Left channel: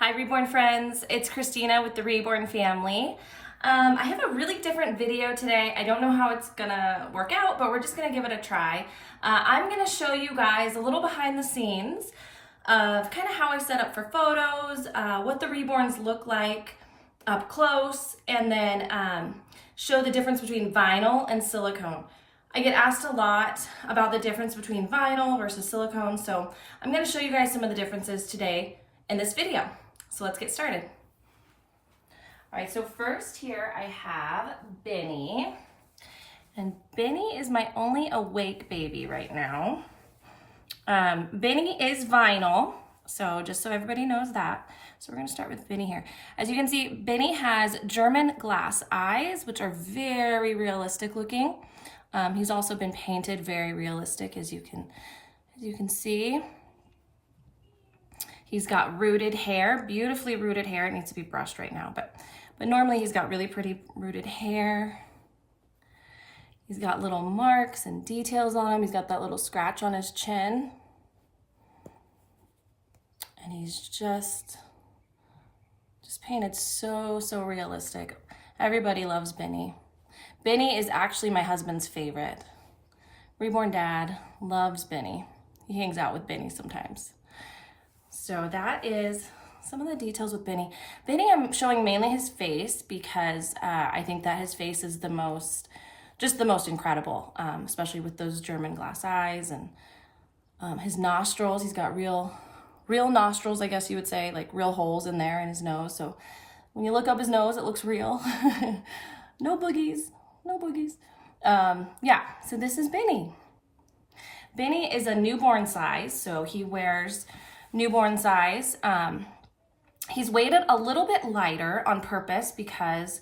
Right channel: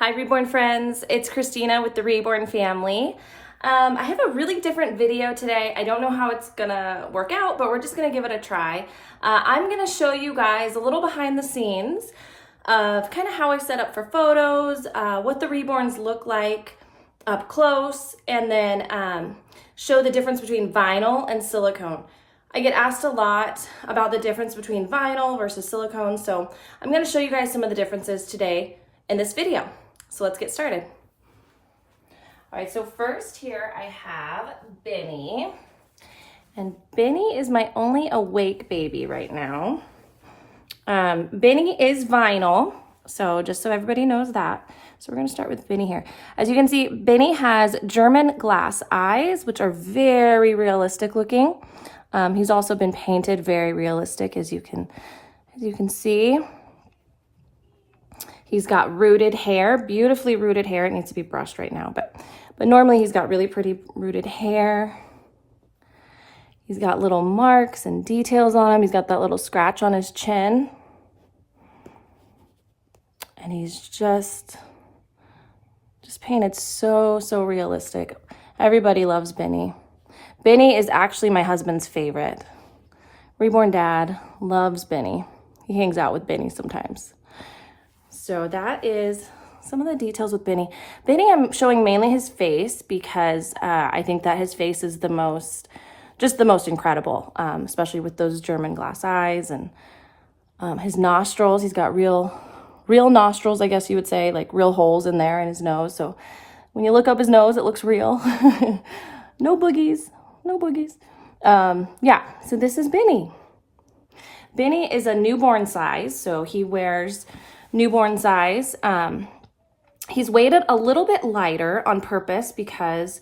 Hi Reborn friends, it's Christina with the Reborn family. I have a really different video today. I don't know how it's gonna work out, but we're just gonna give it a try. I'm gonna show you guys a little behind the scenes of kind of how I set up for photos, what the Reborns look like up close, and then show the difference between vinyl and silicone. I get asked a lot about the difference between vinyl versus silicone, so I'm gonna show you guys some of the differences today in this video. So let's get started. All right, so first here I have Benny. And Benny is my only awake baby right now. Benny is vinyl, so just so everybody knows that. So we're gonna start with Benny here. As you can see, Benny has German glass eyes, which are very realistic looking. He's also been painted very realistic, as you can see. He's got rooted hair, beautifully rooted hair. It needs to be brushed right now, but normally he's got really pretty rooted hair. He's got little marks and details on him. He's got that little scratch on his chin. And he's just painted so realistic. Everybody loves Benny. Benny is actually my husband's favorite. Reborn dad loves Benny. He hangs out with Benny sometimes. So that is some of the details with Benny. Benny, I'm showing mainly his face because I think that his face is the most incredible, especially with those German glass eyes and his nostrils. He's got real nostrils, I guess you would say, like real holes in there in his nose. So when you look up his nose, it looks real. No boogies, no boogies. Yeah, so this is Benny. Benny is a newborn size, so he wears newborn size. He's weighted a little bit lighter on purpose because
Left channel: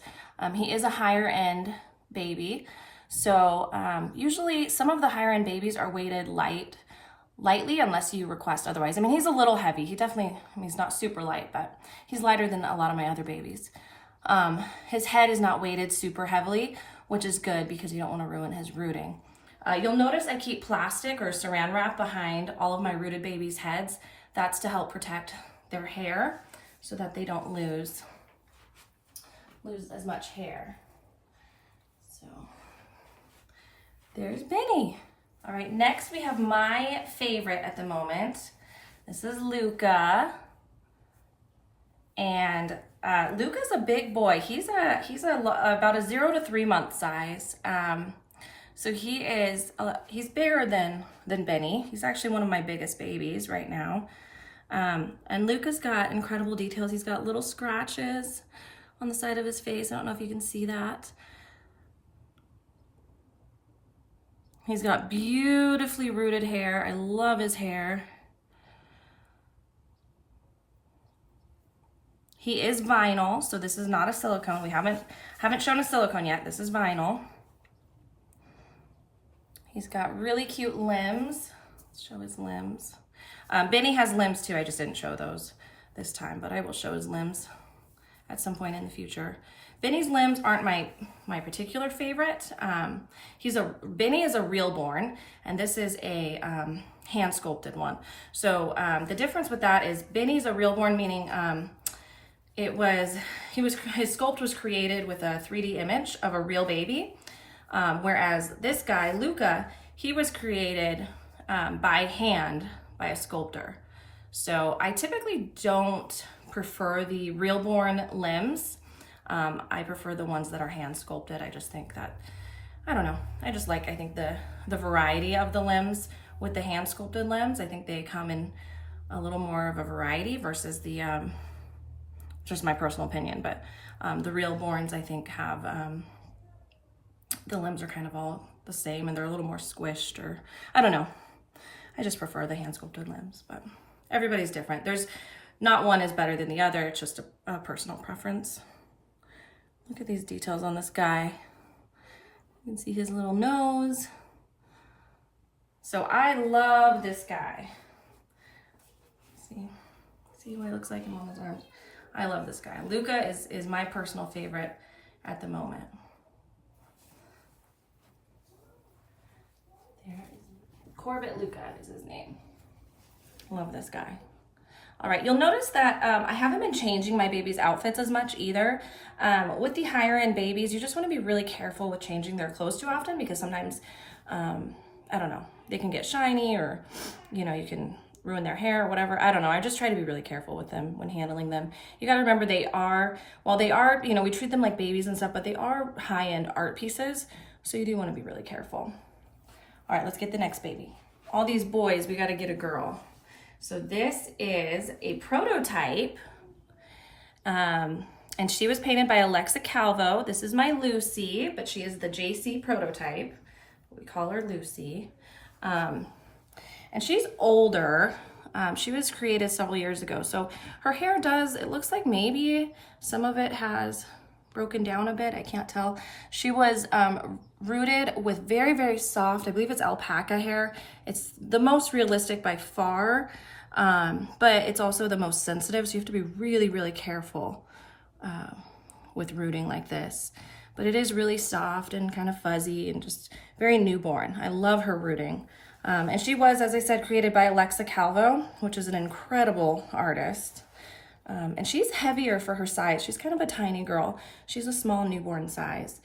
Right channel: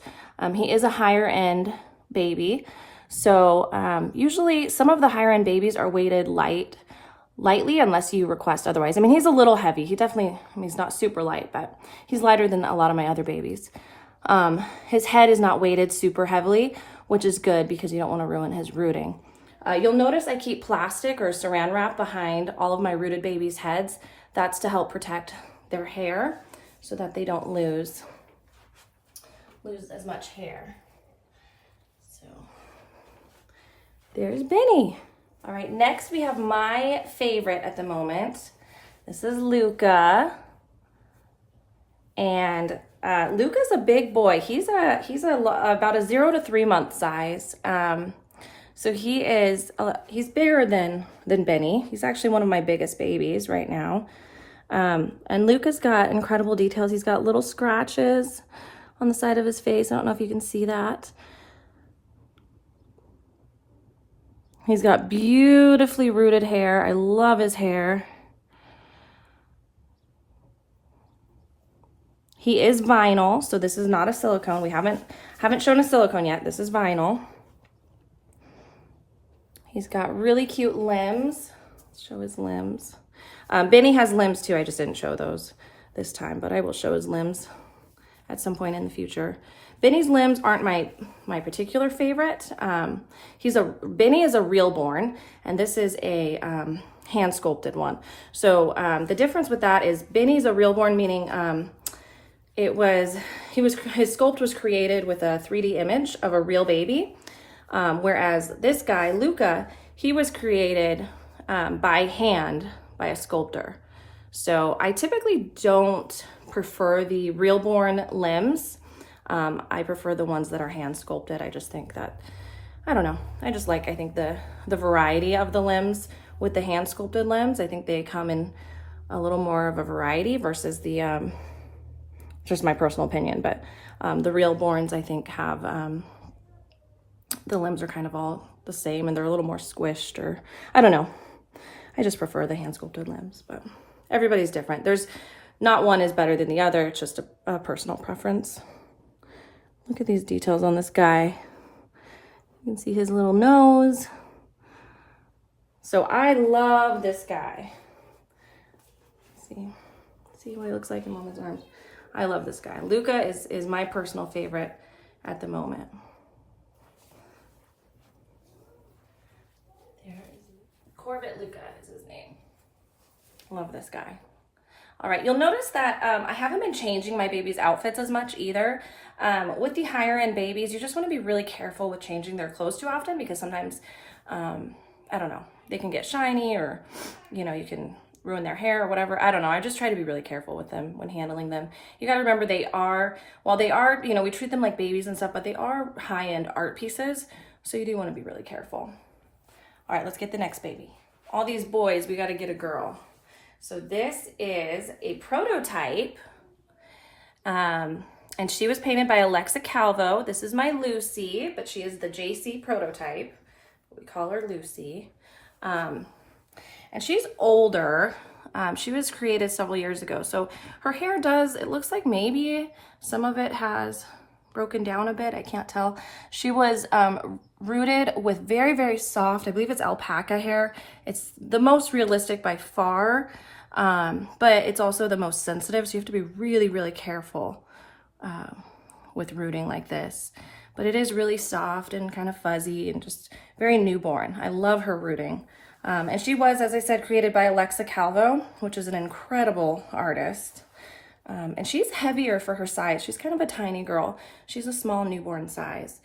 he is a higher end baby. So usually some of the higher end babies are weighted lightly unless you request otherwise. I mean, he's a little heavy. He's not super light, but he's lighter than a lot of my other babies. His head is not weighted super heavily, which is good because you don't want to ruin his rooting. You'll notice I keep plastic or saran wrap behind all of my rooted babies' heads. That's to help protect their hair so that they don't lose as much hair. So there's Benny. All right, next we have my favorite at the moment. This is Luca. And Luca's a big boy. He's about a 0 to 3 month size. So he's bigger than Benny. He's actually one of my biggest babies right now. And Luca's got incredible details. He's got little scratches on the side of his face. I don't know if you can see that. He's got beautifully rooted hair. I love his hair. He is vinyl, so this is not a silicone. We haven't shown a silicone yet. This is vinyl. He's got really cute limbs. Let's show his limbs. Benny has limbs too. I just didn't show those this time, but I will show his limbs at some point in the future. Benny's limbs aren't my particular favorite. Benny is a Reborn, and this is a hand sculpted one. So the difference with that is Benny's a Reborn, meaning his sculpt was created with a 3D image of a real baby, whereas this guy Luca, he was created by hand by a sculptor. So I typically don't prefer the Reborn limbs. I prefer the ones that are hand sculpted. I just think that, I don't know, I think the variety of the limbs with the hand sculpted limbs. I think they come in a little more of a variety versus the just my personal opinion, but the Reborns I think have the limbs are kind of all the same and they're a little more squished, or I don't know. I just prefer the hand sculpted limbs, but everybody's different. There's not one is better than the other. It's just a personal preference. Look at these details on this guy. You can see his little nose. So I love this guy. See what he looks like him on his arms. I love this guy. Luca is my personal favorite at the moment. There, Corbett Luca is his name. Love this guy. All right, you'll notice that I haven't been changing my baby's outfits as much either. With the higher end babies, you just want to be really careful with changing their clothes too often because sometimes, I don't know, they can get shiny or, you know, you can ruin their hair or whatever. I don't know. I just try to be really careful with them when handling them. You got to remember while they are, you know, we treat them like babies and stuff, but they are high-end art pieces. So you do want to be really careful. All right, let's get the next baby. All these boys, we got to get a girl. So this is a prototype, and she was painted by Alexa Calvo. This is my Lucy, but she is the JC prototype. We call her Lucy. And she's older. She was created several years ago. So her hair it looks like maybe some of it has broken down a bit. I can't tell. She was rooted with very, very soft, I believe it's alpaca hair. It's the most realistic by far, but it's also the most sensitive. So you have to be really, really careful with rooting like this. But it is really soft and kind of fuzzy and just very newborn. I love her rooting. And she was, as I said, created by Alexa Calvo, which is an incredible artist. And she's heavier for her size. She's kind of a tiny girl. She's a small newborn size.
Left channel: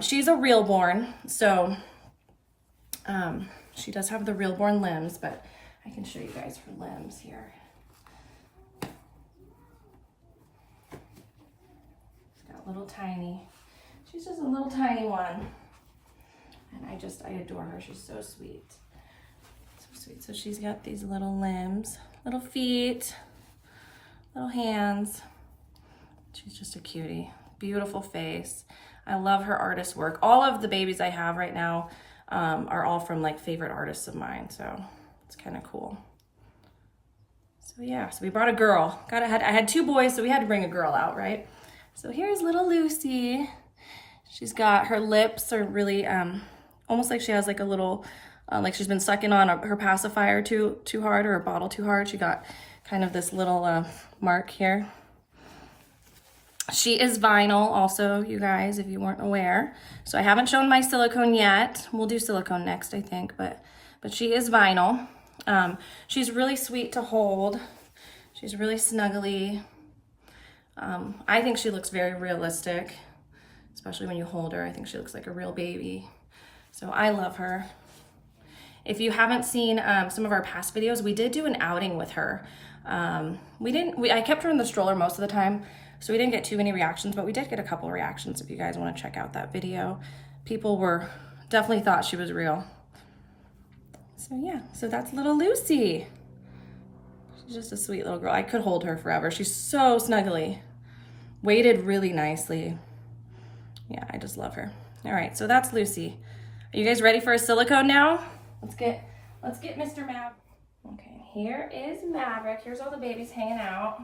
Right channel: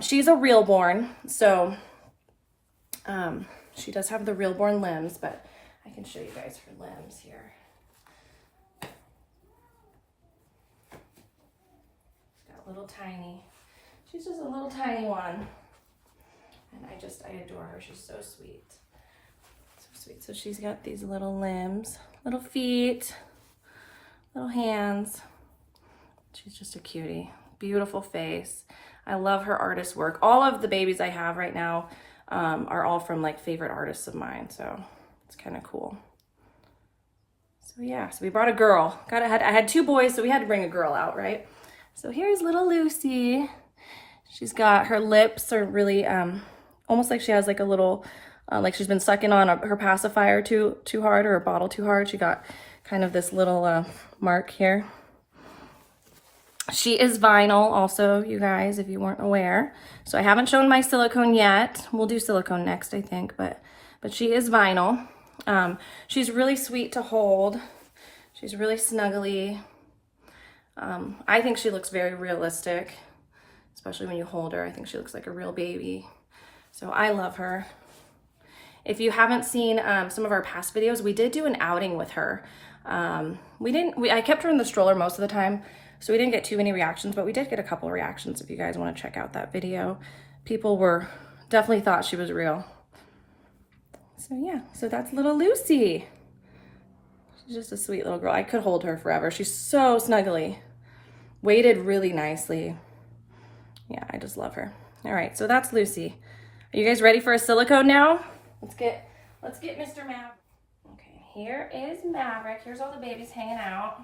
She's a realborn, so she does have the realborn limbs, but I can show you guys her limbs here. She's got little tiny, she's just a little tiny one. And I adore her. She's so sweet. So sweet. So she's got these little limbs, little feet, little hands. She's just a cutie. Beautiful face. I love her artist work. All of the babies I have right now are all from like favorite artists of mine. So it's kind of cool. So yeah, so we brought a girl. I had two boys, so we had to bring a girl out, right? So here's little Lucy. She's got, her lips are really, almost like she has like a little, like she's been sucking on her pacifier too hard, or a bottle too hard. She got kind of this little mark here. She is vinyl also, you guys, if you weren't aware. So I haven't shown my silicone yet. We'll do silicone next, I think, but she is vinyl. She's really sweet to hold. She's really snuggly. I think she looks very realistic, especially when you hold her. I think she looks like a real baby. So I love her. If you haven't seen some of our past videos, we did do an outing with her. I kept her in the stroller most of the time, so we didn't get too many reactions, but we did get a couple of reactions if you guys want to check out that video. People definitely thought she was real. So yeah, so that's little Lucy. She's just a sweet little girl. I could hold her forever. She's so snuggly. Weighted really nicely. Yeah, I just love her. All right, so that's Lucy. Are you guys ready for a silicone now? Let's get Mr. Maverick. Okay, here is Maverick. Here's all the babies hanging out.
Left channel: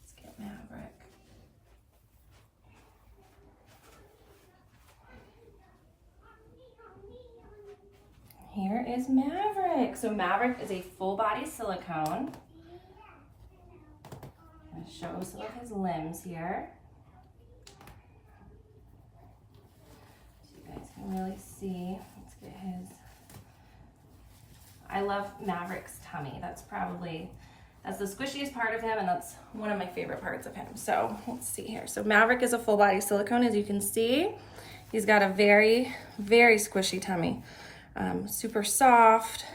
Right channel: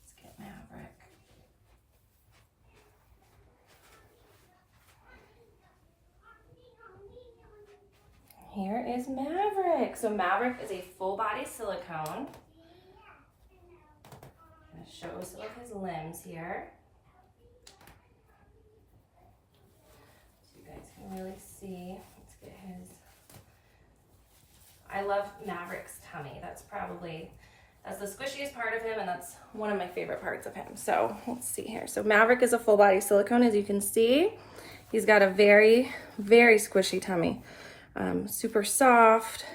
Let's get Maverick. Here is Maverick. So Maverick is a full body silicone. I'm gonna show some of his limbs here. So you guys can really see. Let's get his. I love Maverick's tummy. That's the squishiest part of him, and that's one of my favorite parts of him. So let's see here. So Maverick is a full body silicone, as you can see. He's got a very, very squishy tummy. Super soft,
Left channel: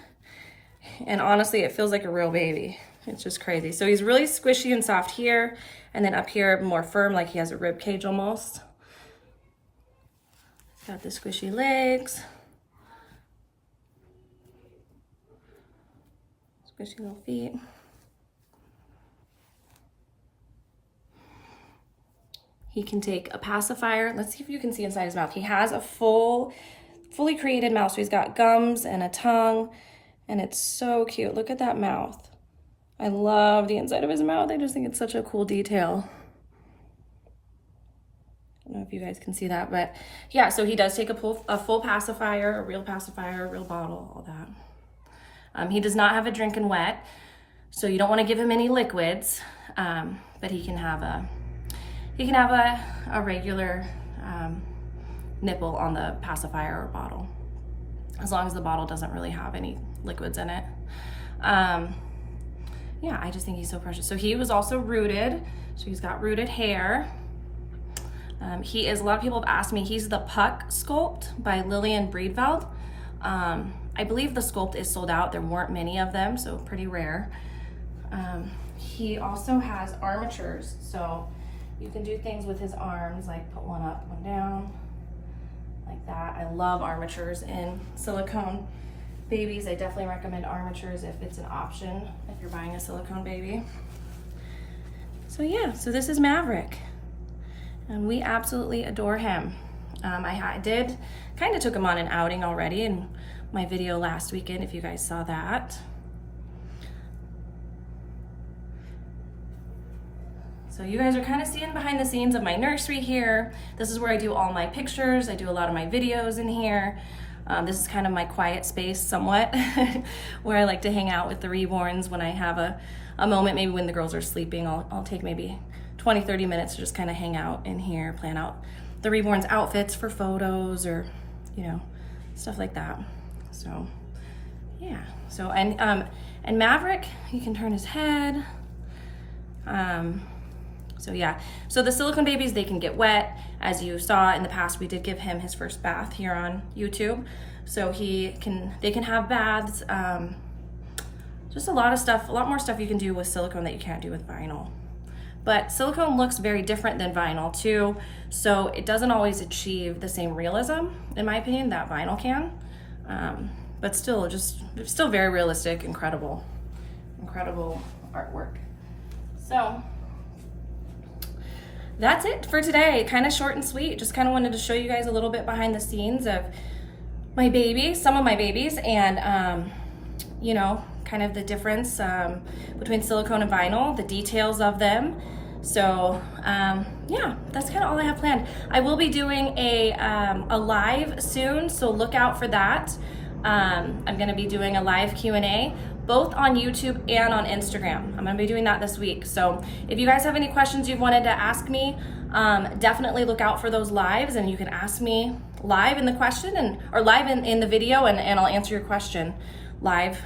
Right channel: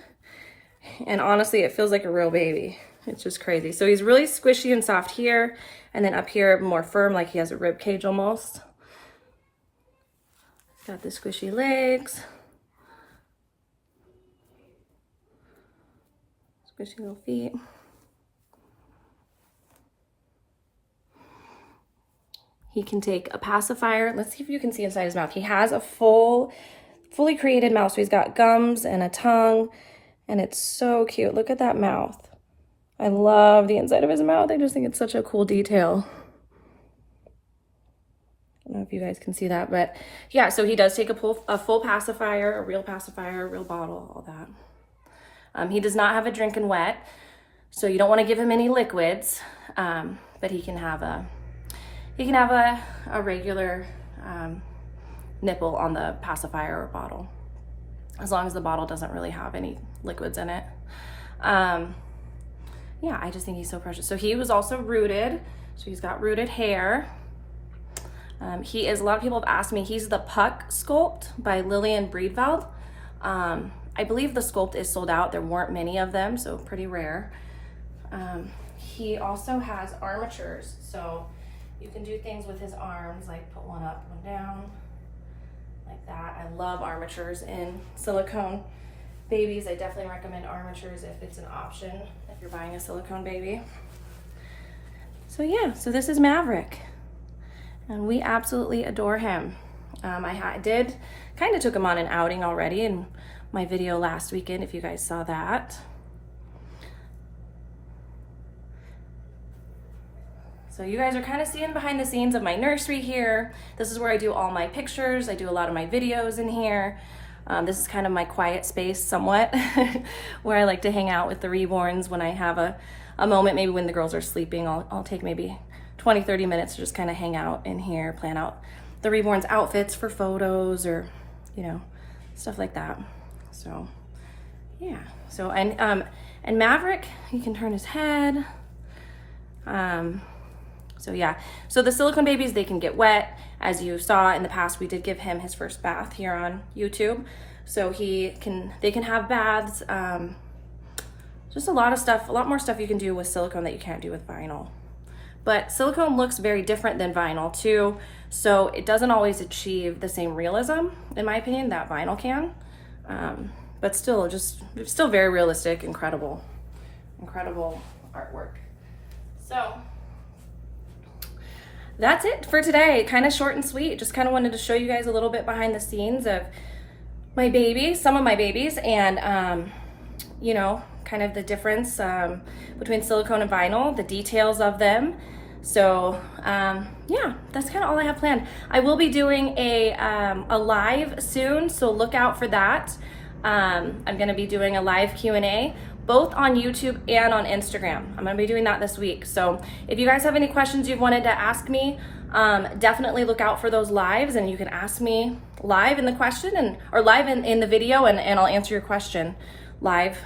and honestly it feels like a real baby. It's just crazy. So he's really squishy and soft here, and then up here more firm, like he has a rib cage almost. Got the squishy legs, squishy little feet. He can take a pacifier. Let's see if you can see inside his mouth. He has a fully created mouth. So he's got gums and a tongue, and it's so cute. Look at that mouth. I love the inside of his mouth. I just think it's such a cool detail. I don't know if you guys can see that, but yeah, so he does take a full pacifier, a real bottle, all that. He does not have a drinking wet, so you don't want to give him any liquids, but he can have a regular nipple on the pacifier or bottle, as long as the bottle doesn't really have any liquids in it. yeah, I just think he's so precious. So he was also rooted. So he's got rooted hair. He is, a lot of people have asked me, he's the Puck sculpt by Lillian Breedveld. I believe the sculpt is sold out. There weren't many of them, so pretty rare. He also has armatures, so you can do things with his arms, like put one up, one down, like that. I love armatures in silicone babies. I definitely recommend armatures if it's an option, if you're buying a silicone baby. So yeah, so this is Maverick, and we absolutely adore him. I did kind of took him on an outing already in my video last weekend, if you guys saw that. So you guys are kind of seeing behind the scenes of my nursery here. This is where I do all my pictures. I do a lot of my videos in here. This is kind of my quiet space somewhat, where I like to hang out with the Reborns when I have a moment, maybe when the girls are sleeping. I'll take maybe 20, 30 minutes to just kind of hang out in here, plan out the Reborns outfits for photos or, you know, stuff like that. So yeah, so, and Maverick, he can turn his head. So yeah, so the silicone babies, they can get wet. As you saw in the past, we did give him his first bath here on YouTube. So they can have baths. Just a lot of stuff, a lot more stuff you can do with silicone that you can't do with vinyl. But silicone looks very different than vinyl too. So it doesn't always achieve the same realism, in my opinion, that vinyl can. But still, it's still very realistic, incredible artwork. So that's it for today. Kind of short and sweet. Just kind of wanted to show you guys a little bit behind the scenes of my babies, some of my babies, and you know, kind of the difference between silicone and vinyl, the details of them. So yeah, that's kind of all I have planned. I will be doing a live soon, so look out for that. I'm going to be doing a live Q&A, both on YouTube and on Instagram. I'm going to be doing that this week. So if you guys have any questions you wanted to ask me, definitely look out for those lives, and you can ask me live in the question or live in the video, and I'll answer your question live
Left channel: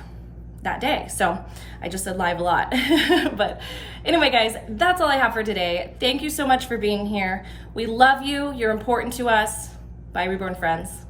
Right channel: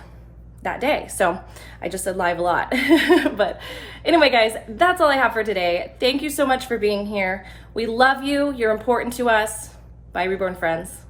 that day. So I just said live a lot. But anyway, guys, that's all I have for today. Thank you so much for being here. We love you. You're important to us. Bye, Reborn friends.